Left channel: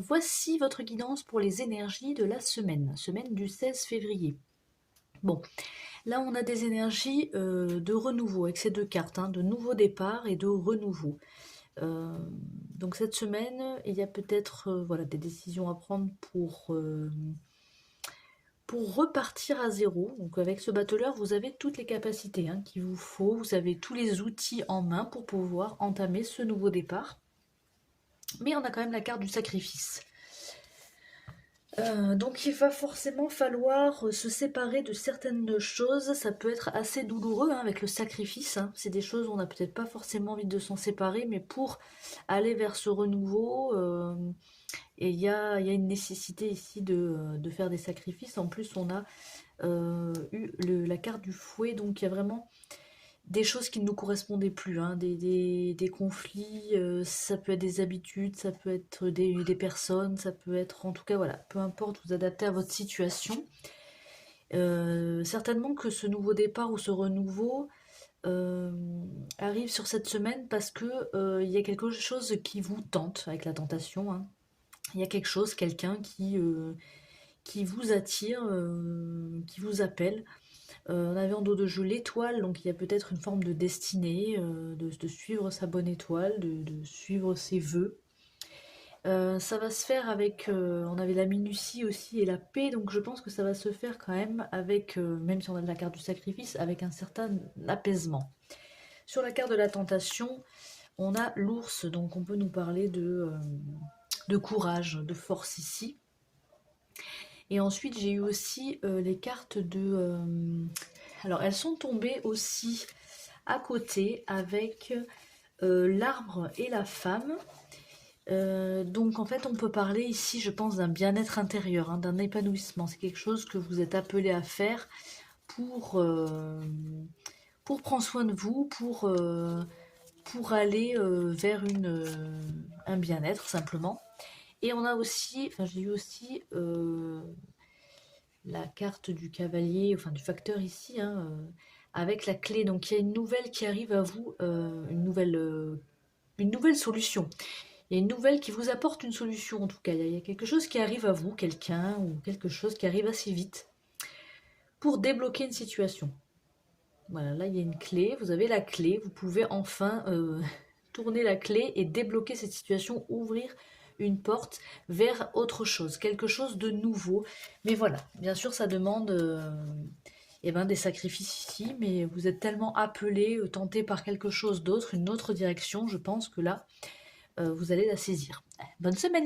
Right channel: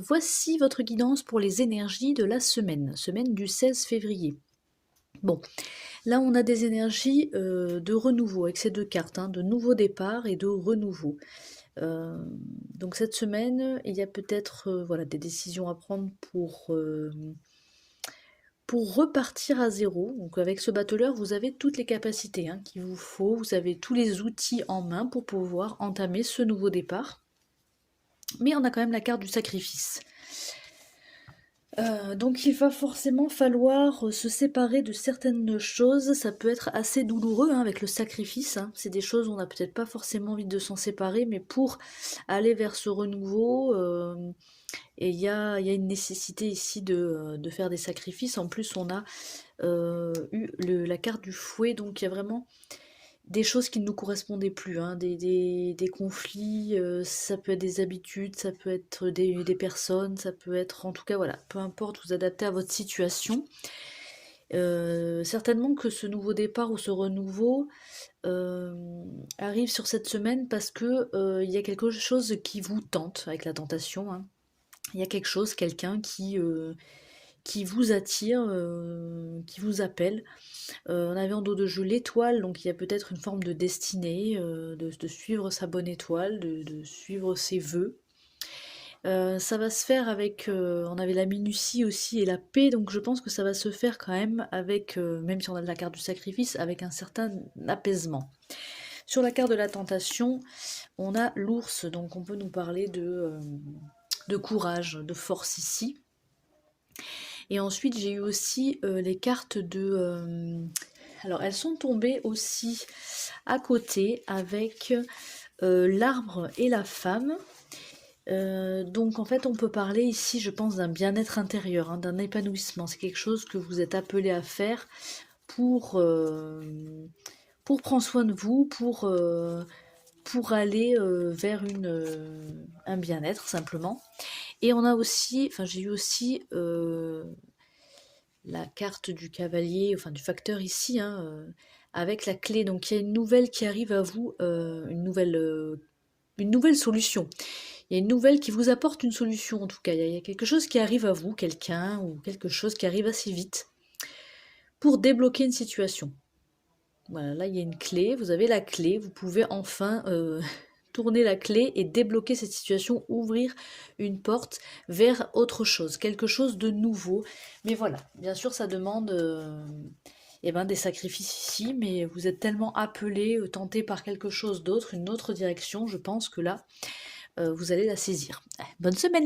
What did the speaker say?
Voici votre guidance pour les énergies de la semaine du 16 février. Bon, là on a des énergies de renouveau avec ces deux cartes, hein, de nouveau départ et de renouveau. Euh, donc cette semaine, il y a peut-être voilà, des décisions à prendre pour repartir à zéro. Donc avec ce battleur, vous avez toutes les capacités hein, qu'il vous faut, vous avez tous les outils en main pour pouvoir entamer ce nouveau départ. Mais on a quand même la carte du sacrifice. Donc il va forcément falloir se séparer de certaines choses. Ça peut être assez douloureux hein, avec le sacrifice, hein. C'est des choses où on n'a peut-être pas forcément envie de s'en séparer, mais pour aller vers ce renouveau, et il y a une nécessité ici de faire des sacrifices. En plus, on a eu la carte du fouet, donc il y a vraiment des choses qui ne nous correspondaient plus, hein, des conflits, ça peut être des habitudes, ça peut être des personnes, ça peut être, en tout cas, voilà, peu importe, vous adaptez à votre situation. Certainement que ce nouveau départ ou ce renouveau arrive sur cette semaine parce que il y a quelque chose qui vous tente avec la tentation, hein. Il y a quelque chose, quelqu'un qui vous attire, qui vous appelle. On avait en dos de jeu l'étoile, donc il y a peut-être une forme de destinée, de suivre sa bonne étoile, de suivre ses vœux. Ça va se faire avec, on avait la minutie aussi et la paix, donc je pense que ça va se faire quand même avec, même si on a la carte du sacrifice, avec un certain apaisement. Sur la carte de la tentation, on a l'ours, donc on peut nous parler de courage, de force ici. Et ensuite, j'ai eu aussi les cartes de... alors, elles sont tombées aussi à côté avec l'arbre et la femme. Donc, en fait, on peut parler ici, je pense, d'un bien-être intérieur, hein, d'un épanouissement. C'est quelque chose que vous êtes appelé à faire pour, euh, pour prendre soin de vous, pour aller vers un bien-être, simplement. Et on a aussi, enfin, j'ai eu aussi la carte du cavalier, enfin du facteur ici, hein, avec la clé. Donc il y a une nouvelle qui arrive à vous, une nouvelle solution. Il y a une nouvelle qui vous apporte une solution en tout cas. Il y a quelque chose qui arrive à vous, quelqu'un ou quelque chose qui arrive assez vite pour débloquer une situation. Voilà, là il y a une clé, vous avez la clé, vous pouvez enfin tourner la clé et débloquer cette situation, ouvrir une porte vers autre chose, quelque chose de nouveau. Mais voilà, bien sûr ça demande eh ben, des sacrifices ici, mais vous êtes tellement appelé, tenté par quelque chose d'autre, une autre direction, je pense que là, vous allez la saisir. Bonne semaine les